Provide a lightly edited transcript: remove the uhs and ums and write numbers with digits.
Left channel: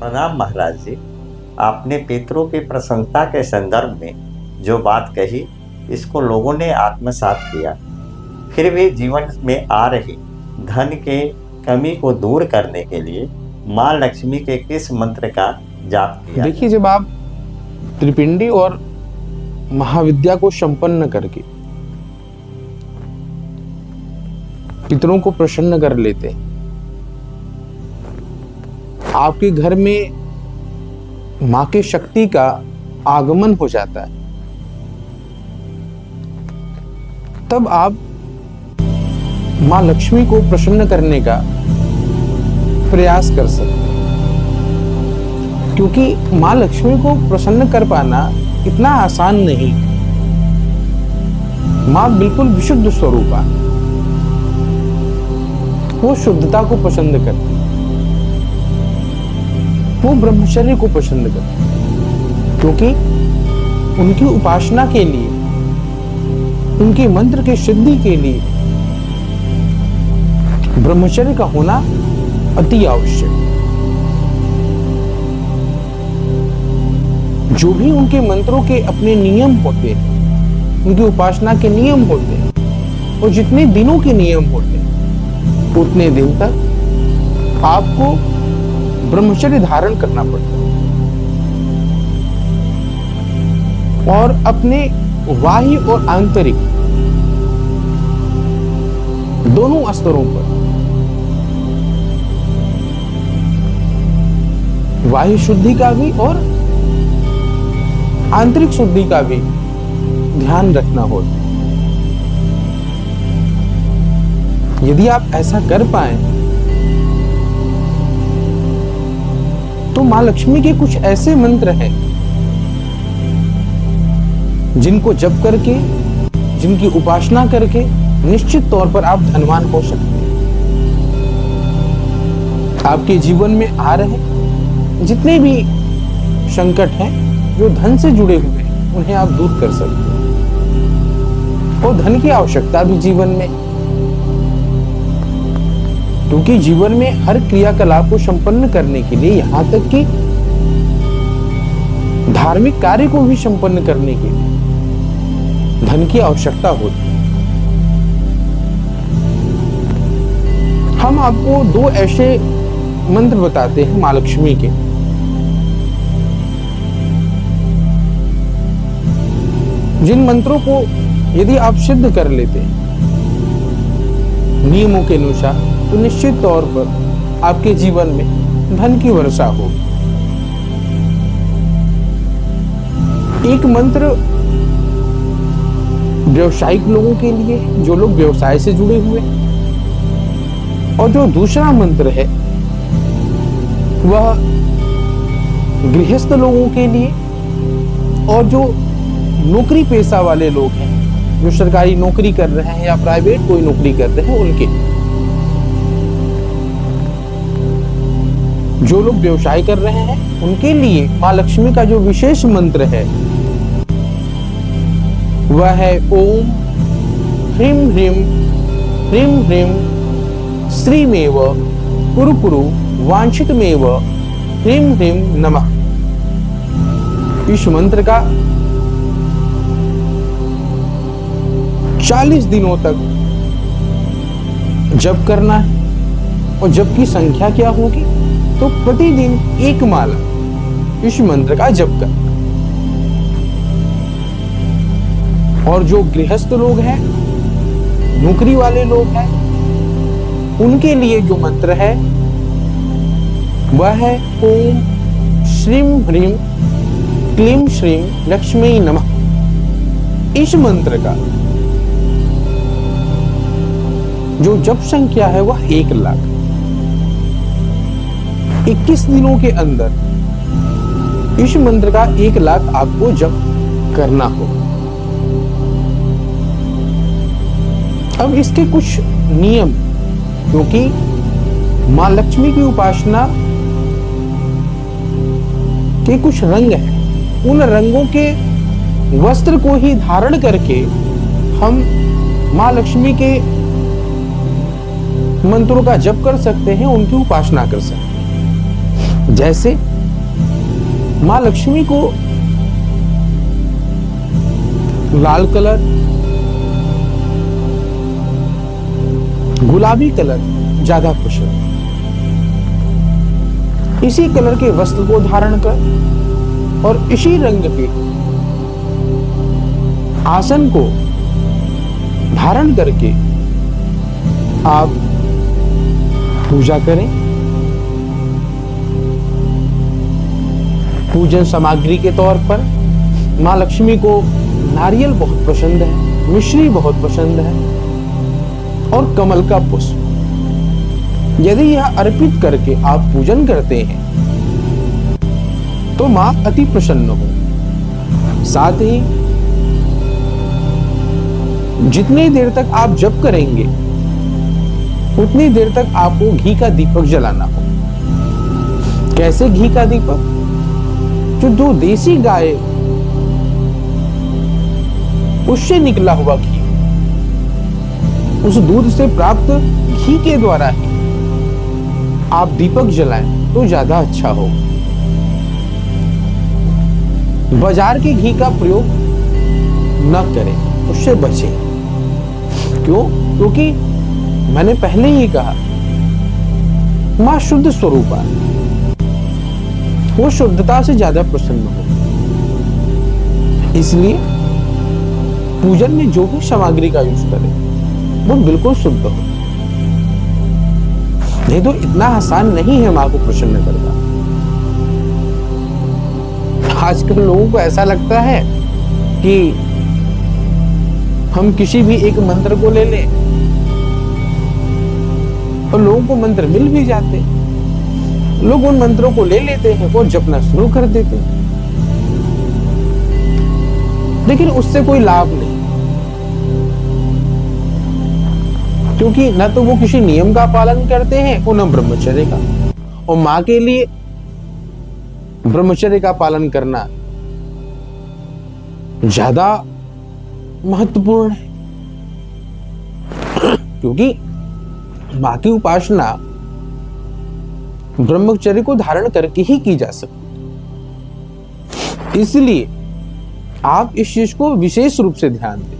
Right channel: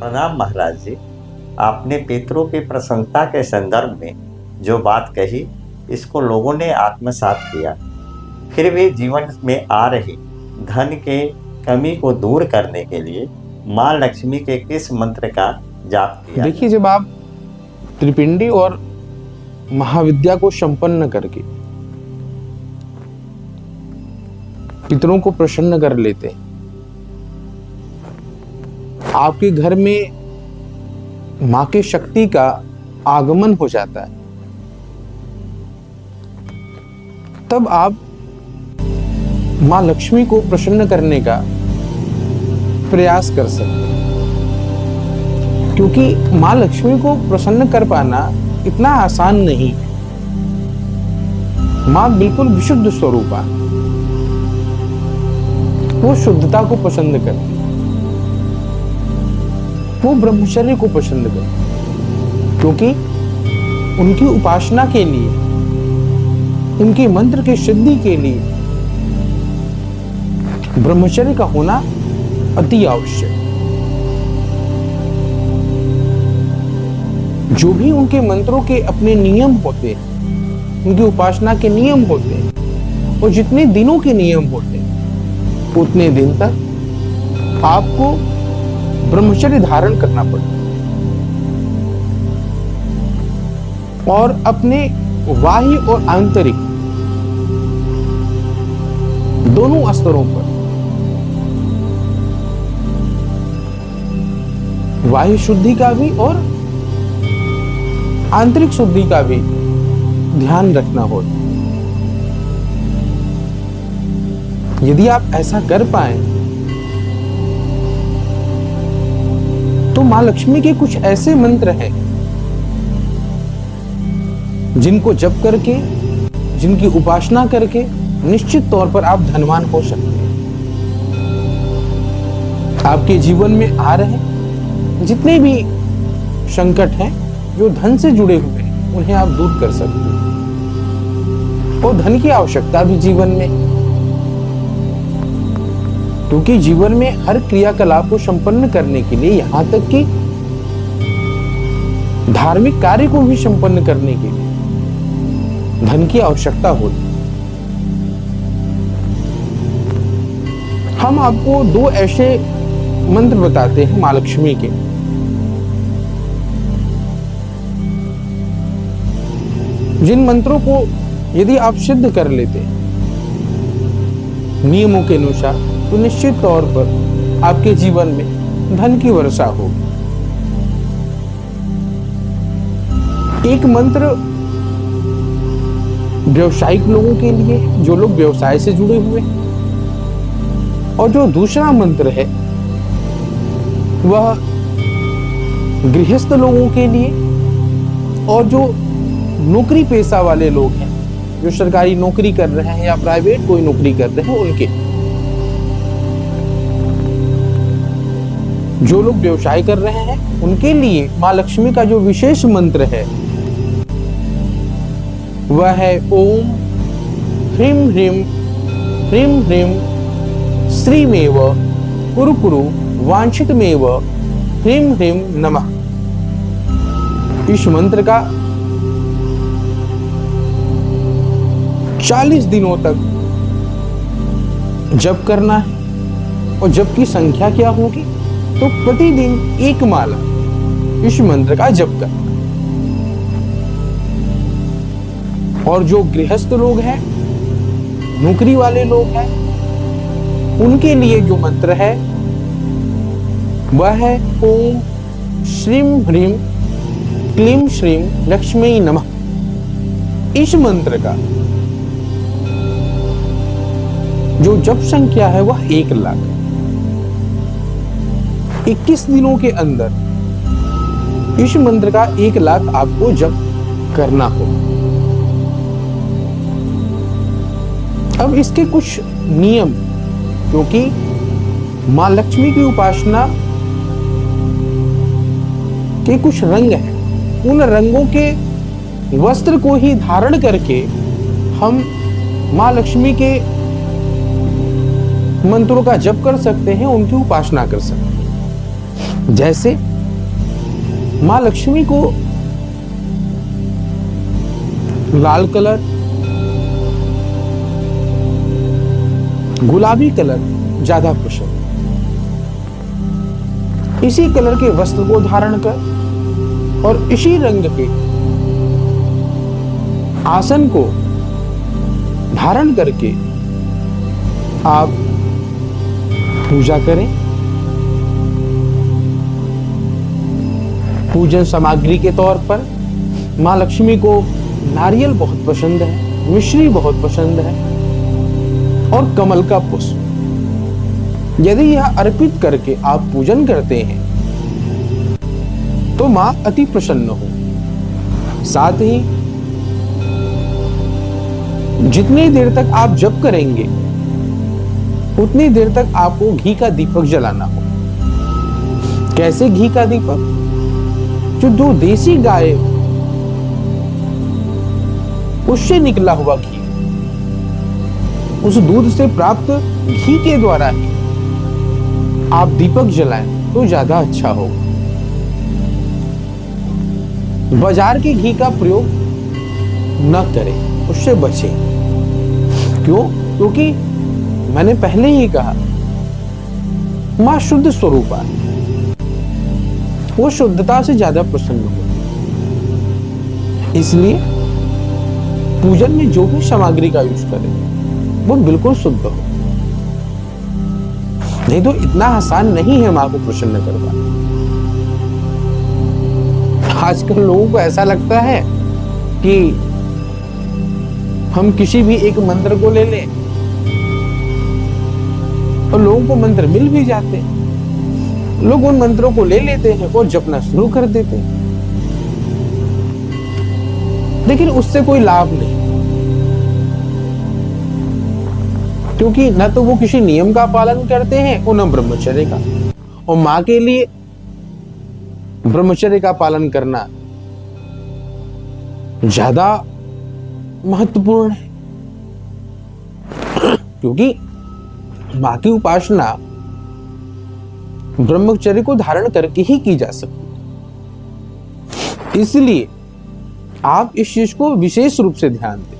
प्रणाम महाराज जी। आपने पितरों की प्रसन्नता के संदर्भ में जो बात कही, इसको लोगों ने आत्मसात किया। फिर भी जीवन में आ रही धन के कमी को दूर करने के लिए माँ लक्ष्मी के किस मंत्र का जाप किया देखिए, जाए? जब आप त्रिपिंडी और महाविद्या को संपन्न करके पितरों को प्रसन्न कर लेते हैं, आपके घर में मां के शक्ति का आगमन हो जाता है, तब आप मां लक्ष्मी को प्रसन्न करने का प्रयास कर सकते हैं। क्योंकि मां लक्ष्मी को प्रसन्न कर पाना इतना आसान नहीं है। मां बिल्कुल विशुद्ध स्वरूप है, वो शुद्धता को पसंद करती है, वो ब्रह्मचर्य को पसंद करती है। क्योंकि उनकी उपासना के लिए, उनके मंत्र की सिद्धि के लिए ब्रह्मचर्य का होना अति आवश्यक। जो भी उनके मंत्रों के अपने नियम होते हैं, उनकी उपासना के नियम होते हैं, और जितने दिनों के नियम होते हैं, उतने दिन तक आपको ब्रह्मचर्य धारण करना पड़ता है। और अपने बाह्य और आंतरिक दोनों स्तरों पर, बाह्य शुद्धि का भी और आंतरिक शुद्धि का भी ध्यान रखना होता है। यदि आप ऐसा कर पाए तो मां लक्ष्मी के कुछ ऐसे मंत्र हैं जिनको जप करके, जिनकी उपासना करके निश्चित तौर पर आप धनवान हो सकते हैं। आपके जीवन में आ रहे जितने भी संकट हैं जो धन से जुड़े हुए हैं, उन्हें आप दूर कर सकते हैं। और धन की आवश्यकता भी जीवन में, क्योंकि जीवन में हर क्रियाकलाप को संपन्न करने के लिए, यहां तक कि धार्मिक कार्य को भी संपन्न करने के लिए धन की आवश्यकता होती है। हम आपको दो ऐसे मंत्र बताते हैं मां लक्ष्मी के, जिन मंत्रों को यदि आप सिद्ध कर लेते हैं नियमों के अनुसार, तो निश्चित तौर पर आपके जीवन में धन की वर्षा होगी। एक मंत्र व्यवसायिक लोगों के लिए, जो लोग व्यवसाय से जुड़े हुए हैं, और जो दूसरा मंत्र है वह गृहस्थ लोगों के लिए, और जो नौकरी पेशा वाले लोग हैं, जो सरकारी नौकरी कर रहे हैं या प्राइवेट कोई नौकरी कर रहे हैं, उनके। जो लोग व्यवसाय कर रहे हैं उनके लिए मां लक्ष्मी का जो विशेष मंत्र है वह है ओम ह्रीं ह्रीं ह्रीं ह्रीं श्रीमेव कुरु कुरु वांछितमेव ह्रीं ह्रीं नमः। इस मंत्र का 40 दिनों तक जप करना है। और जप की संख्या क्या होगी? तो प्रतिदिन एक माला इस मंत्र का जप करना। और जो गृहस्थ लोग हैं, नौकरी वाले लोग हैं, उनके लिए जो मंत्र है वह है ओम श्रीं ह्रीं क्लीं श्रीं लक्ष्मी नमः। इस मंत्र का जो जप संख्या है वह 1,00,000। 21 दिनों के अंदर इस मंत्र का 1,00,000 आपको जप करना हो। अब इसके कुछ नियम, क्योंकि मां लक्ष्मी की उपासना के कुछ रंग हैं, उन रंगों के वस्त्र को ही धारण करके हम मां लक्ष्मी के मंत्रों का जप कर सकते हैं, उनकी उपासना कर सकते हैं। जैसे माँ लक्ष्मी को लाल कलर, गुलाबी कलर ज्यादा पसंद। इसी कलर के वस्त्र को धारण कर और इसी रंग के आसन को धारण करके आप पूजा करें। पूजन सामग्री के तौर पर माँ लक्ष्मी को नारियल बहुत पसंद है, मिश्री बहुत पसंद है और कमल का पुष्प। यदि यह अर्पित करके आप पूजन करते हैं तो मां अति प्रसन्न हो। साथ ही जितनी देर तक आप जप करेंगे उतनी देर तक आपको घी का दीपक जलाना हो। कैसे घी का दीपक? जो दो देसी गाय उससे निकला हुआ घी, उस दूध से प्राप्त घी के द्वारा ही आप दीपक जलाएं तो ज्यादा अच्छा हो। बाजार के घी का प्रयोग न करें, उससे बचें। क्यों? क्योंकि मैंने पहले ही कहा मां शुद्ध स्वरूप है, वो शुद्धता से ज्यादा प्रसन्न हो। इसलिए पूजन में जो भी सामग्री का यूज करें वो बिल्कुल शुद्ध हो। नहीं तो इतना आसान नहीं है मां को प्रसन्न करना। आजकल लोगों को ऐसा लगता है कि हम किसी भी एक मंत्र को ले लें और लोगों को मंत्र मिल भी जाते हैं। लोग उन मंत्रों को ले लेते हैं और जपना शुरू कर देते हैं, लेकिन उससे कोई लाभ नहीं, क्योंकि न तो वो किसी नियम का पालन करते हैं और न ब्रह्मचर्य का। और मां के लिए ब्रह्मचर्य का पालन करना ज्यादा महत्वपूर्ण है, क्योंकि मां की उपासना ब्रह्मचर्य को धारण करके ही की जा सकती है। इसलिए आप इस चीज को विशेष रूप से ध्यान दें।